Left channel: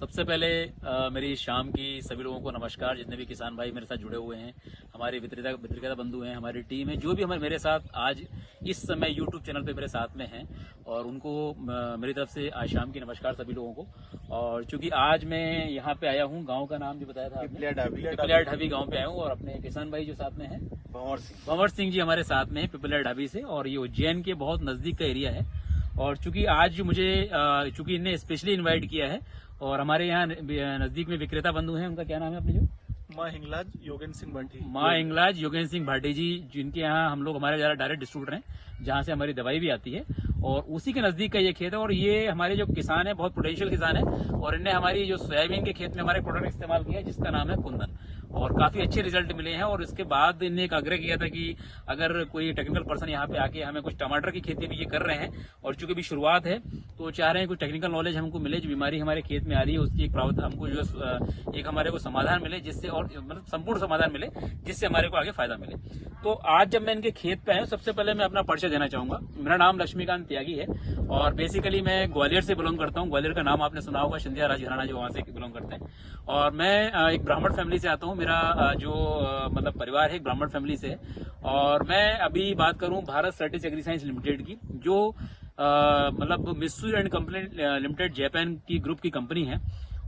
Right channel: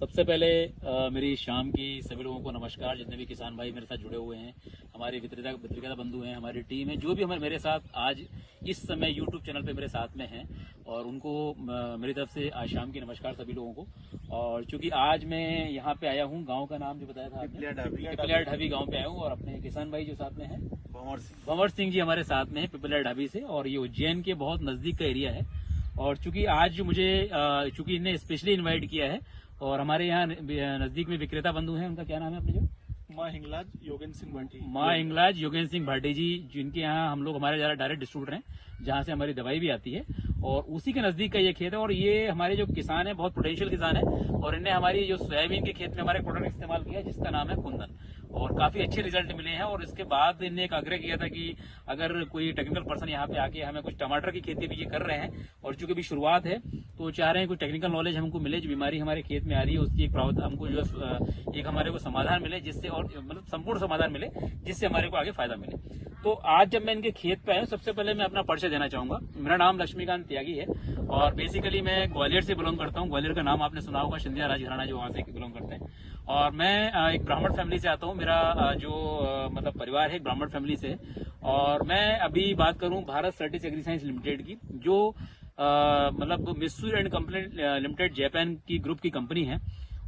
सबसे पहले मेरी शाम की सभी लोगों को नमस्कार। जितने भी किसान भाई मेरे साथ जुड़े हुए हैं, हमारे विक्रेता बंधु हैं, हमारी टीम है, जो भी हमारे मेरे साथ आज इस समय यूट्यूब चैनल पे मेरे साथ में हैं, और उनको मेरी तरफ से आज शाम की नमस्कार सभी लोगों को। और चूंकि आज मैं यहाँ पे आया हूँ, गांव का नाम जो बताया था आपने, पिपलिया ढाबी गाँव पे आया हूँ, और अपने किसान भाई जो साथ में है भंवर सिंह जी हमारे साथ में है पिपलिया ढाबी से, और ये उज्जैन के बहुत नजदीक का एरिया है। और चूंकि आज जो मुझे चूंकि इन्हें स्पेशली इन्वाइट किया है, और हमारे यहाँ नजदीक में विक्रेता बंधु हैं, उनका क्या नाम है अपने जो माँ हिंगलाज योगेंद्र सिंह भाटी जी, जिनके यहाँ हम लोग हमारे ज़्यादा डायरेक्ट डिस्ट्रीब्यूटर हैं, जहाँ से हमारी दवाई भी आती है, और उसी के नज़दीक का ये खेत है। और ये हमारे जो किसान है बहुत पोटेंशियल किसान है, और इन्हें हमारी जो सोयाबीन के खेत में हमारे प्रोडक्ट इस्तेमाल किया जिसका नाम है कुंदन, और काफ़ी अच्छे रिजल्ट मिले हैं। और इसके बाद इन्हें एक आग्रह किया था कि अगर कोई टेक्निकल पर्सन यहाँ पे आके हमें कुछ टमाटर की खेती भी ये कर रहे हैं, और चूंकि भी शुरुआत है तो चाह रहे हैं कुछ टेक्निकल नॉलेज हमको मिले, जो बीमारी हमारे खेत में आ रही है उसकी एक हमको जो एक हमारे को समाधान मिले, जिससे और मतलब संपूर्ण समाधान मिले, जिससे हमारे को आगे फायदा मिले। तो आज जब मैं इनके खेत पे आया हूँ, सबसे पहले मैं अपना परिचय देना चाहूंगा। मेरा नाम लक्ष्मीकांत त्यागी है, और बेसिकली मैं ग्वालियर से बिलोंग करता हूँ। ग्वालियर का नाम आपने सुना होगा, सिंधिया राजघराना जो वहाँ से बिलोंग करते हैं। और मैं एक ब्राह्मण फैमिली से आता हूँ। मेरा जो मतलब परिवार है एक ब्राह्मण फैमिली से है। और मैं अभी बात करूँ भारत सर्टिस एग्री साइंस लिमिटेड की, जो मतलब Mitsui and company limited Japan की ग्रुप की कंपनी है,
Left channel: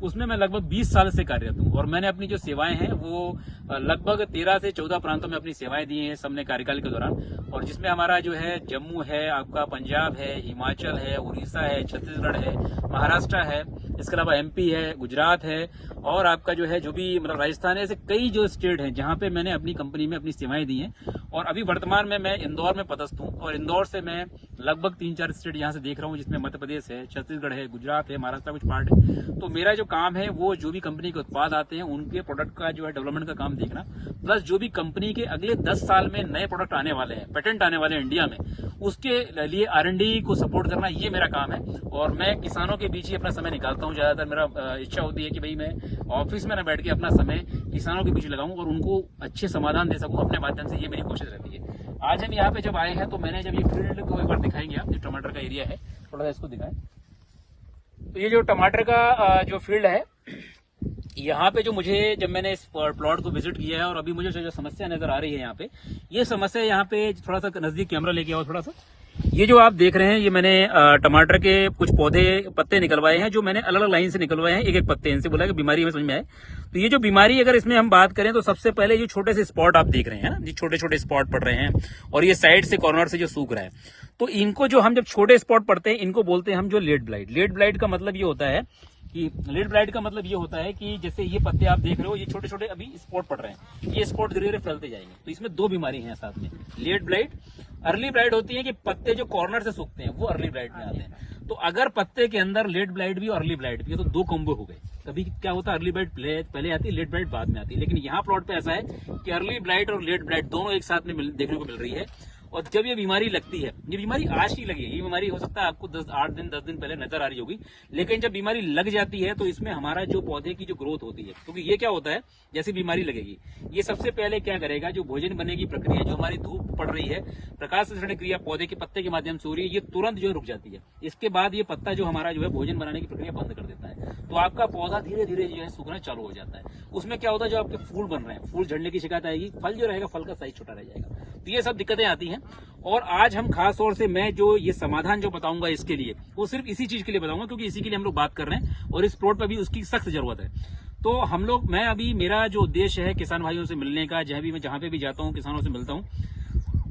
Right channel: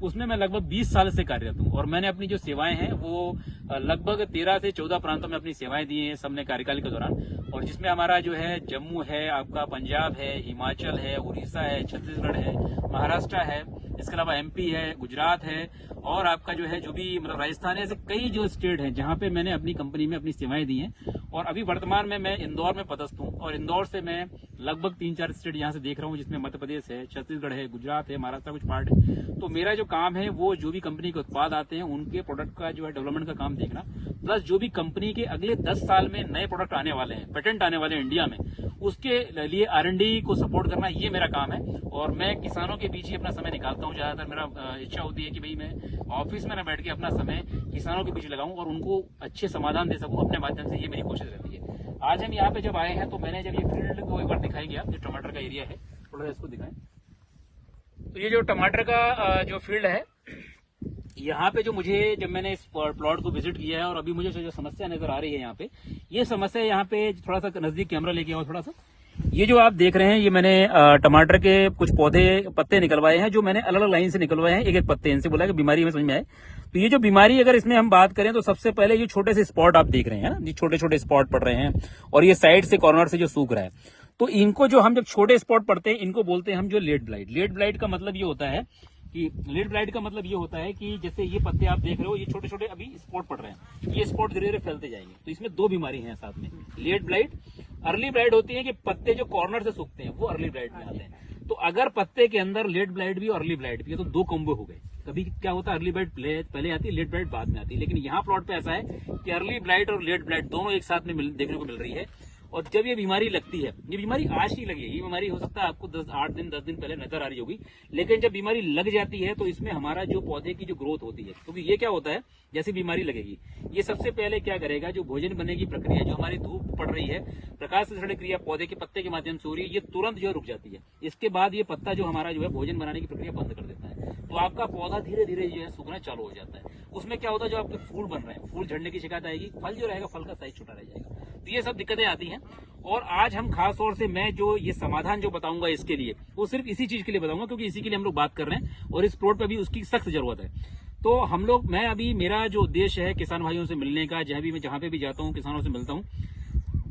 उसमें मैं लगभग 20 साल से कार्यरत हूँ। और मैंने अपनी जो सेवाएं हैं वो लगभग 13 से 14 प्रांतों में अपनी सेवाएं दी हैं सबने कार्यकाल के दौरान। और जिसमें हमारा जो है जम्मू है, आपका पंजाब है, हिमाचल है, उड़ीसा है, छत्तीसगढ़ है, महाराष्ट्र है, इसके अलावा एमपी है, गुजरात है, और आपका जो है जो भी मतलब राजस्थान है, ऐसे कई जो स्टेट हैं जहाँ पे मैंने अपनी कंपनी में अपनी सेवाएं दी हैं। और अभी वर्तमान में मैं इंदौर में पदस्थ हूँ, और इंदौर से मैं लगभग 3-4 स्टेट यहाँ से देख रहा हूँ, जिसमें मध्य प्रदेश है, छत्तीसगढ़ है, गुजरात है, महाराष्ट्र कुछ पार्ट है। तो मेरा जो काम है वो जो भी कंपनी के उत्पाद आते हैं उनके प्रोडक्ट का जो है डेवलपमेंट का काम देखना, प्लस जो भी कंपनी के अगले 10 साल में नए प्रोडक्ट आने वाले हैं, पेटेंट आने वाले हैं इंडिया में, उसके लिए R&D को सपोर्ट करना, ये मेरा काम है। और मैं किसानों के बीच ही अपना समय निकालता हूँ। ज्यादातर मेरा इच्छा होती है कि भाई मैं ऑफिस में न बैठ के अपना समय किसानों के बीच लगाऊं और उनको अच्छे समाधान दे सकूं अपने माध्यम से, ये मेरी कोशिश रहती है। आज हम यहाँ पे जब आए हैं तो मैंने जब ये फील्ड को एक बार दिखाएंगे, आप ये टमाटर का एरिया है, थोड़ा सा इसको दिखाएं। तो ये जो टमाटर का जो फील्ड है, यहाँ पे जो मुझे जब मैंने इस प्लॉट को विजिट किया है, और अभी मुझे जो समस्या नजर आ रही है यहाँ पे, ये समस्या यहाँ पे थोड़ा सा नजदीक कैमरा लेके आओ थोड़ा सा। ये जो आप देख रहे हैं, ये मैंने टमाटर के कुछ पौधे पत्ते निकलवाए हैं, जो मैंने अलग अलग लाइन से निकलवाए हैं, एक एक पत्ते। इनसे बोला कि बीमारी में समझ में आए। तो ये जो बीमारी अगर इसमें हम बात करें तो सबसे पहले ये छोटे से स्पॉट आप देख रहे हैं ना, ये छोटे छोटे स्पॉट पड़ रहे हैं, और ये साइड से कॉर्नर से जो सूख रहा है, तो इनको जो हम जब छोटे स्पॉट पड़ते हैं इनको बोलते हैं हम जो लेट ब्लाइट। लेट ब्लाइट का मतलब ये होता है कि जैसे ये पत्ते आप देख रहे हो, ये छोटे छोटे अभी स्पॉट पड़ रहे हैं, ये स्पॉट धीरे धीरे फैलते जाएंगे। तो इसमें दो बीमारी हैं साथ में, लेट ब्लाइट। अर्ली ब्लाइट होती है कि पत्ते जो कॉर्नर से सूखते हैं वो अर्ली ब्लाइट में आते हैं। तो अगर पत्ते के अंदर लेट ब्लाइट भी और अर्ली ब्लाइट भी है तो दो कॉम्बो हो गए। कभी क्या होता है, अर्ली ब्लाइट पहले आती है, लेट ब्लाइट बाद में आती है। लेकिन यहाँ प्लॉट पे ऐसा है कि अर्ली ब्लाइट और लेट ब्लाइट दोनों एक साथ में देखने को मिल रही है। और जब ये बीमारी लगती है, ये बीमारी आज ही लगी है, ये बीमारी हो सकता है आपको 10 दिन पहले नजर आ रही होगी, लेकिन जब बीमारी लग जाती है तो इसमें हमारा जो पौधे की जो ग्रोथ होती है, क्योंकि ये क्या होता है, जैसे बीमारी लगेगी ये सबसे पहले क्या करेगा, जो भोजन बनने की प्रक्रिया जो हमारी धूप पड़ रही है, प्रकाश संश्लेषण क्रिया पौधे के पत्ते के माध्यम से हो रही है, ये तुरंत जो रुक जाती है। इसके बाद ये पत्ता जो हमारा जो है भोजन बनाने की प्रक्रिया बंद कर देता है, तो आपका पौधा धीरे धीरे जो है सूखना चालू हो जाता है। उसमें क्या होता है, जो आपके फूल बन रहे हैं, फूल झड़ने की शिकायत आएगी, फल जो रहेगा फल का साइज छोटा रह जाएगा। तो ये सब दिक्कतें आती हैं। और आज हम खास तौर से मैं जो ये समाधान जो बताऊंगा इसके लिए, वो सिर्फ इसी चीज के लिए बताऊंगा, क्योंकि इसी के लिए हम लोग बात कर रहे हैं और इस प्लॉट पर भी उसकी सख्त जरूरत है। तो हम लोग, मैं अभी मेरा जो उद्देश्य है किसान भाइयों से मिलने का, जहां पे भी जाता हूं किसानों से मिलता हूं,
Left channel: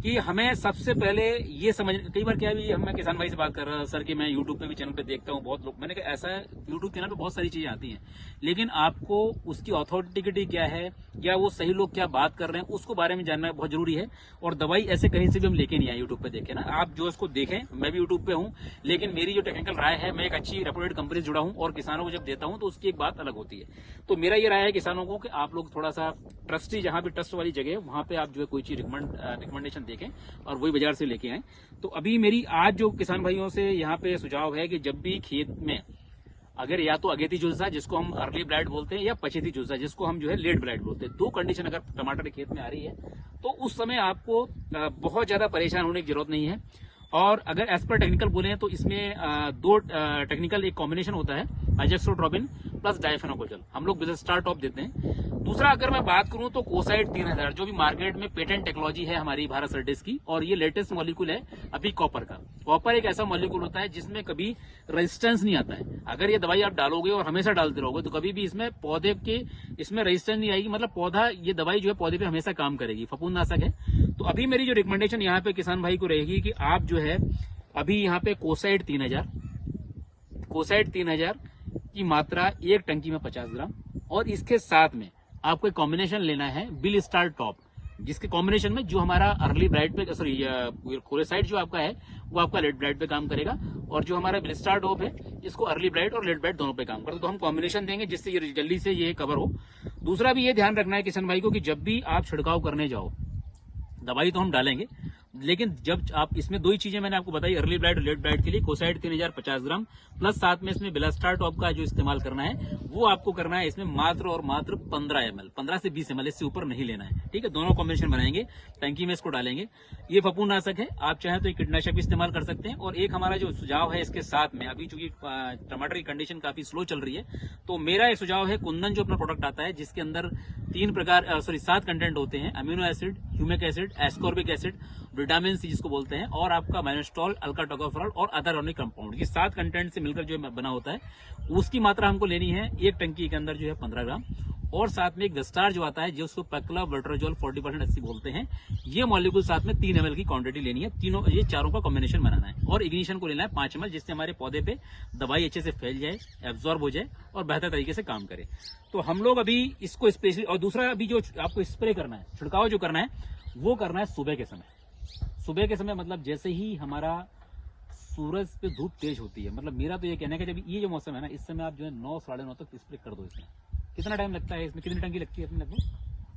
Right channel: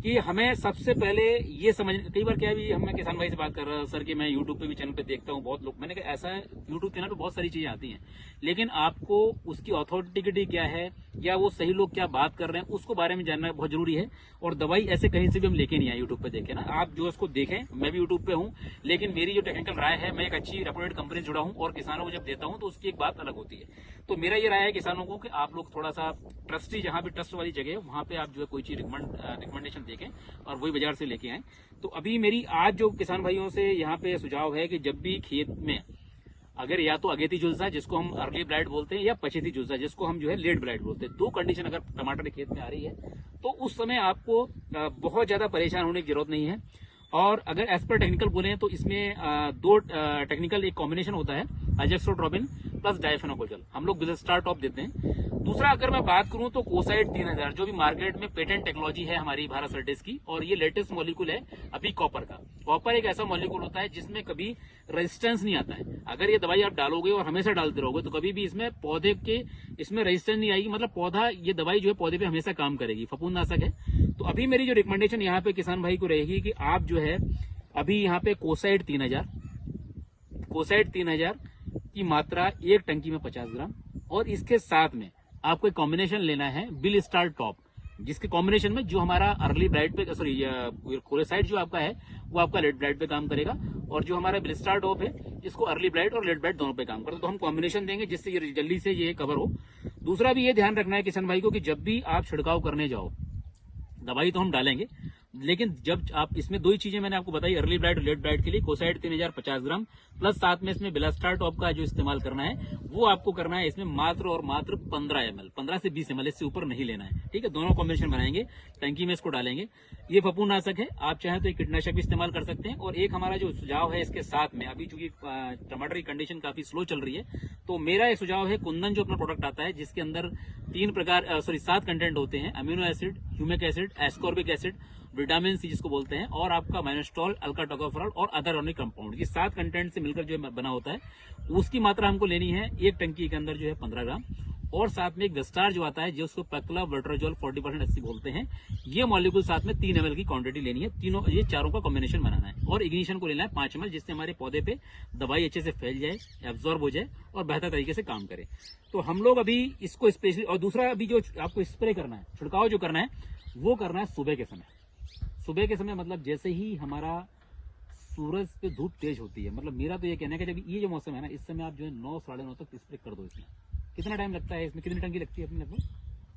कि हमें सबसे पहले ये समझ, कई बार क्या भी मैं किसान भाई से बात कर रहा सर कि मैं यूट्यूब पे भी चैनल पे देखता हूँ बहुत लोग, मैंने कहा ऐसा है यूट्यूब चैनल पे बहुत सारी चीजें आती हैं, लेकिन आपको उसकी ऑथेंटिसिटी क्या है या वो सही लोग क्या बात कर रहे हैं उसको बारे में जानना बहुत जरूरी है। और दवाई ऐसे कहीं से भी हम लेके नहीं आए यूट्यूब पे देखे ना, आप जो उसको देखें, मैं भी यूट्यूब पे हूँ, लेकिन मेरी जो टेक्निकल राय है, मैं एक अच्छी रेपुटेड कंपनी से जुड़ा हूँ और किसानों को जब देता हूँ तो उसकी एक बात अलग होती है। तो मेरा ये राय है किसानों को कि आप लोग थोड़ा सा ट्रस्टी, जहाँ भी ट्रस्ट वाली जगह है वहां पे आप जो है कोई चीज रिकमेंडेशन देखें और वही बाजार से लेके आए। तो अभी मेरी आज जो किसान भाइयों से यहाँ पे सुझाव है कि जब भी खेत में अगर या तो अगेती झुलसा जिसको हम अर्ली ब्लाइट बोलते हैं या पछेती झुलसा जिसको हम जो है लेट ब्लाइट बोलते हैं, दो कंडीशन अगर टमाटर के खेत में आ रही है तो उस समय आपको बहुत ज्यादा परेशान होने की जरूरत नहीं है। और अगर एज पर टेक्निकल बोले तो इसमें दो टेक्निकल एक कॉम्बिनेशन होता है, अजेक्सोट्रोबिन प्लस डाइफेनोकोजल, हम लोग बिलस्टार टॉप देते हैं। दूसरा अगर मैं बात करूं तो कोसाइड 3000 जो भी मार्केट में पेटेंट टेक्नोलॉजी है हमारी भारत सर्विस की, और ये लेटेस्ट मॉलिक्यूल है अभी कॉपर का। कॉपर एक ऐसा मॉलिक्यूल होता है जिसमें कभी रेजिस्टेंस नहीं आता है। अगर ये दवाई आप डालोगे और हमेशा डालते रहोगे तो कभी भी इसमें पौधे के इसमें रेजिस्टेंस नहीं आएगी, मतलब पौधा ये दवाई जो है पौधे पे हमेशा काम करेगी, फफूंदनाशक है। तो अभी मेरी जो रिकमेंडेशन यहाँ पे किसान भाई को रहेगी कि आप जो है अभी यहाँ पे कोसाइड 3000 की मात्रा एक टंकी में 50 ग्राम, और इसके साथ में आपको एक कॉम्बिनेशन लेना है बिलस्टार टॉप, जिसके कॉम्बिनेशन में जो हमारा अर्ली ब्राइट पे सॉरी कोलेसाइड जो आपका है वो आपका लेट ब्राइट पे काम करेगा, और जो हमारा बिलस्टार टॉप है इसको अर्ली ब्राइट और लेट ब्राइट दोनों पे काम करता है। तो हम कॉम्बिनेशन देंगे जिससे ये जल्दी से ये कवर हो। दूसरा भी ये ध्यान रखना है किसान भाई को कि जब भी आप छिड़काव करने जाओ, दवाई तो हम डालेंगे, लेकिन जब आप इसमें दो ही चीजें मैंने आपको बताई, अर्ली ब्राइट और लेट ब्राइट के लिए कोसाइड 3000 50 ग्राम प्लस साथ में इसमें बिलस्टार टॉप का जो इस्तेमाल करना है वो आपको करना है इसमें मात्र और मात्र 15 ml, 15 से 20 ml, इससे ऊपर नहीं लेना है। ठीक है, दोनों कॉम्बिनेशन बनाएंगे, टंकी में इसको डालेंगे। ये फफूंदनाशक है, आप चाहें तो एक कीटनाशक भी इस्तेमाल कर सकते हैं। और एक हमारा जो सुझाव है इसके साथ में, अभी चूंकि टमाटर की कंडीशन काफी स्लो चल रही है, तो मेरा एक सुझाव है कुंदन जो अपना प्रोडक्ट आता है जिसके अंदर 7 कंटेंट होते हैं, amino acid, humic acid, ascorbic acid, vitamin C जिसको बोलते हैं, और आपका माइनोस्टॉल, अल्का टोकोफेरॉल और अदर ऑर्गेनिक कंपाउंड, ये 7 कंटेंट से मिलकर जो बना होता है, उसकी मात्रा हमको लेनी है एक टंकी के अंदर जो है 15 ग्राम। और साथ में एक वेस्टार जो आता है जो उसको पैक्ला वर्ट्राजोल 40% एससी बोलते हैं, ये मॉलिक्यूल साथ में 3 ml की क्वांटिटी लेनी है। तीनों ये चारों का कॉम्बिनेशन बनाना है, और इग्निशन को लेना है 5 ml, जिससे हमारे पौधे पे दवाई अच्छे से फैल जाए, एब्जॉर्ब हो जाए और बेहतर तरीके से काम करे। तो हम लोग अभी इसको स्पेशली, और दूसरा अभी जो आपको स्प्रे करना है, छिड़काव जो करना है वो करना है सुबह के समय। सुबह के समय मतलब जैसे ही हमारा सूरज पे धूप तेज होती है, मतलब मेरा तो ये कहना है कि जब ये जो मौसम है ना, इस समय आप जो है 9 साढ़े 9 तक स्प्रे कर दो। इसमें कितना टाइम लगता है, इसमें कितनी टंकी लगती है अपनी? लगभग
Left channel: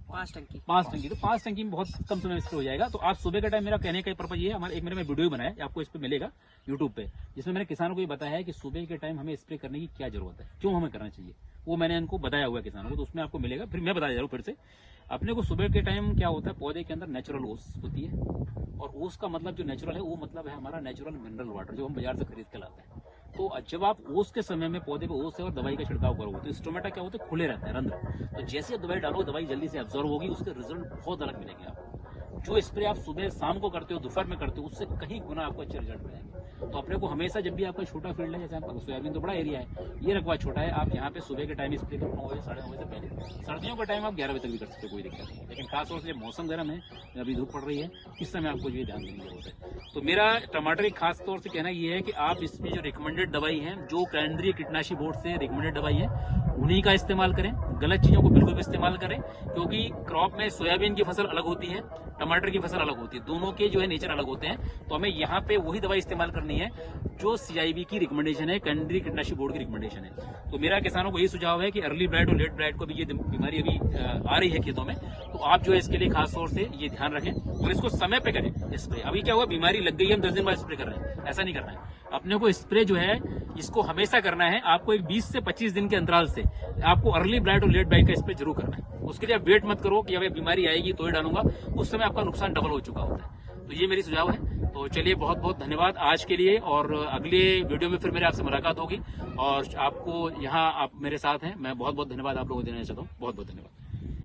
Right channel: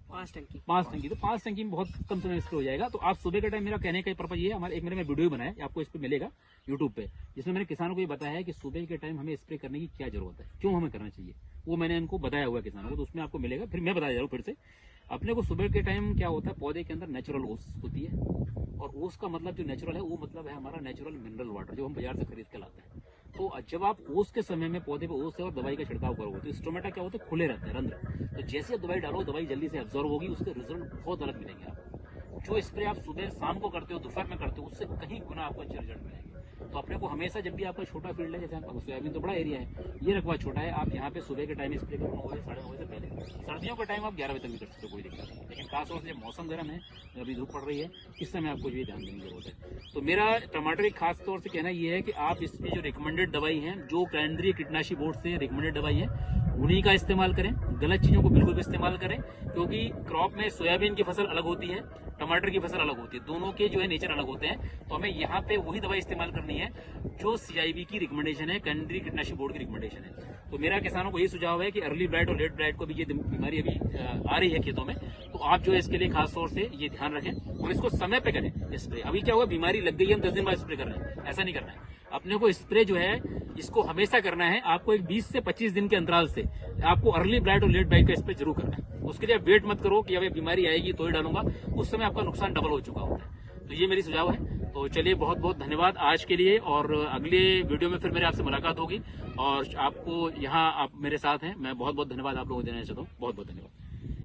5 टंकी। तो 5 टंकी में बहुत कम समय में स्प्रे हो जाएगा। तो आप सुबह के टाइम, मेरा कहने का पर्पज ये है, हमारे एक मेरे में वीडियो बनाया है, आपको इस पे मिलेगा यूट्यूब पे, जिसमें मैंने किसानों को ये बताया है कि सुबह के टाइम हमें स्प्रे करने की क्या जरूरत है, क्यों हमें करना चाहिए, वो मैंने इनको बताया हुआ है किसानों को। तो उसमें आपको मिलेगा, फिर मैं बता दे रहा हूँ फिर से। अपने को सुबह के टाइम क्या होता है, पौधे के अंदर नेचुरल ओस होती है, और ओस का मतलब जो नेचुरल है वो मतलब है हमारा नेचुरल मिनरल वाटर जो हम बाजार से खरीद के लाते हैं। तो जब आप ओस के समय में पौधे पे ओस है और दवाई का छिड़काव करोगे तो स्टोमेटा क्या होता है, खुले रहता है रंध्र, तो जैसे आप दवाई डालो दवाई जल्दी से एब्जॉर्ब होगी, उसके रिजल्ट बहुत अलग मिलेंगे आपको। जो स्प्रे आप सुबह शाम को करते हो, दोपहर में करते हो, उससे कहीं गुना आपको अच्छे रिजल्ट मिलेंगे। तो अपने को हमेशा जब भी आपका छोटा फील्ड है, जैसे आपका सोयाबीन तो बड़ा एरिया है, ये रकबा छोटा है, आप यहाँ पे सुबह के टाइम स्प्रे करो 9 बजे 9:30 बजे से पहले। सर्दियों का टाइम आप 11 बजे तक भी कर सकते हो, कोई दिक्कत नहीं। लेकिन खासतौर से मौसम गर्म है, अभी धूप पड़ रही है, इस समय आपको ये ध्यान देने की जरूरत है। तो मेरा टमाटर एक खास तौर से कहना ये है कि आप इसमें जो रिकमेंडेड दवाई है, जो केंद्रीय कीटनाशी बोर्ड से रिकमेंडेड दवाई है, उन्हीं का इस्तेमाल करें। गलत चीजों को बिल्कुल भी इस्तेमाल करें, क्योंकि क्रॉप में सोयाबीन की फसल अलग होती है, टमाटर की फसल अलग होती है, दोनों के जो है नेचर अलग होते हैं। तो हमें यहाँ पे वही दवाई इस्तेमाल करनी है जो CIB की रिकमेंडेशन है, केंद्रीय कीटनाशी बोर्ड की रिकमेंडेशन है। तो मेरा किसानों को यही सुझाव है कि अर्ली ब्राइट और लेट ब्राइट को भी ये बीमारी अभी आ रही है खेतों में, तो आप जो है इसके लिए खास तौर से ये ध्यान रखें और इसको समय पे करें स्प्रे। अभी क्या हुआ, बीमारी लग गई है, हम 10 दिन बाद स्प्रे कर रहे हैं, ऐसा नहीं करना है। अपने को स्प्रे जो है इसको हमेशा करना है। आपको एक 20 से 25 दिन के अंतराल से आपको अर्ली ब्राइट और लेट ब्राइट का स्प्रे जरूर करना है। उसके लिए वेट मत करो कि अब बीमारी आएगी तो ही डालूंगा, उस समय आपका नुकसान डबल हो चुका होता है। तो ये मेरी सुझाव है। तो चलिए, बहुत बहुत धन्यवाद आज के लिए, और अगले वीडियो में फिर मेरे आपसे मुलाकात होगी, और आपको यहाँ आप मेरे साथ हैं, मैं बहुत बहुत धन्यवाद आप लोगों को देना चाहता हूँ। बहुत बहुत धन्यवाद।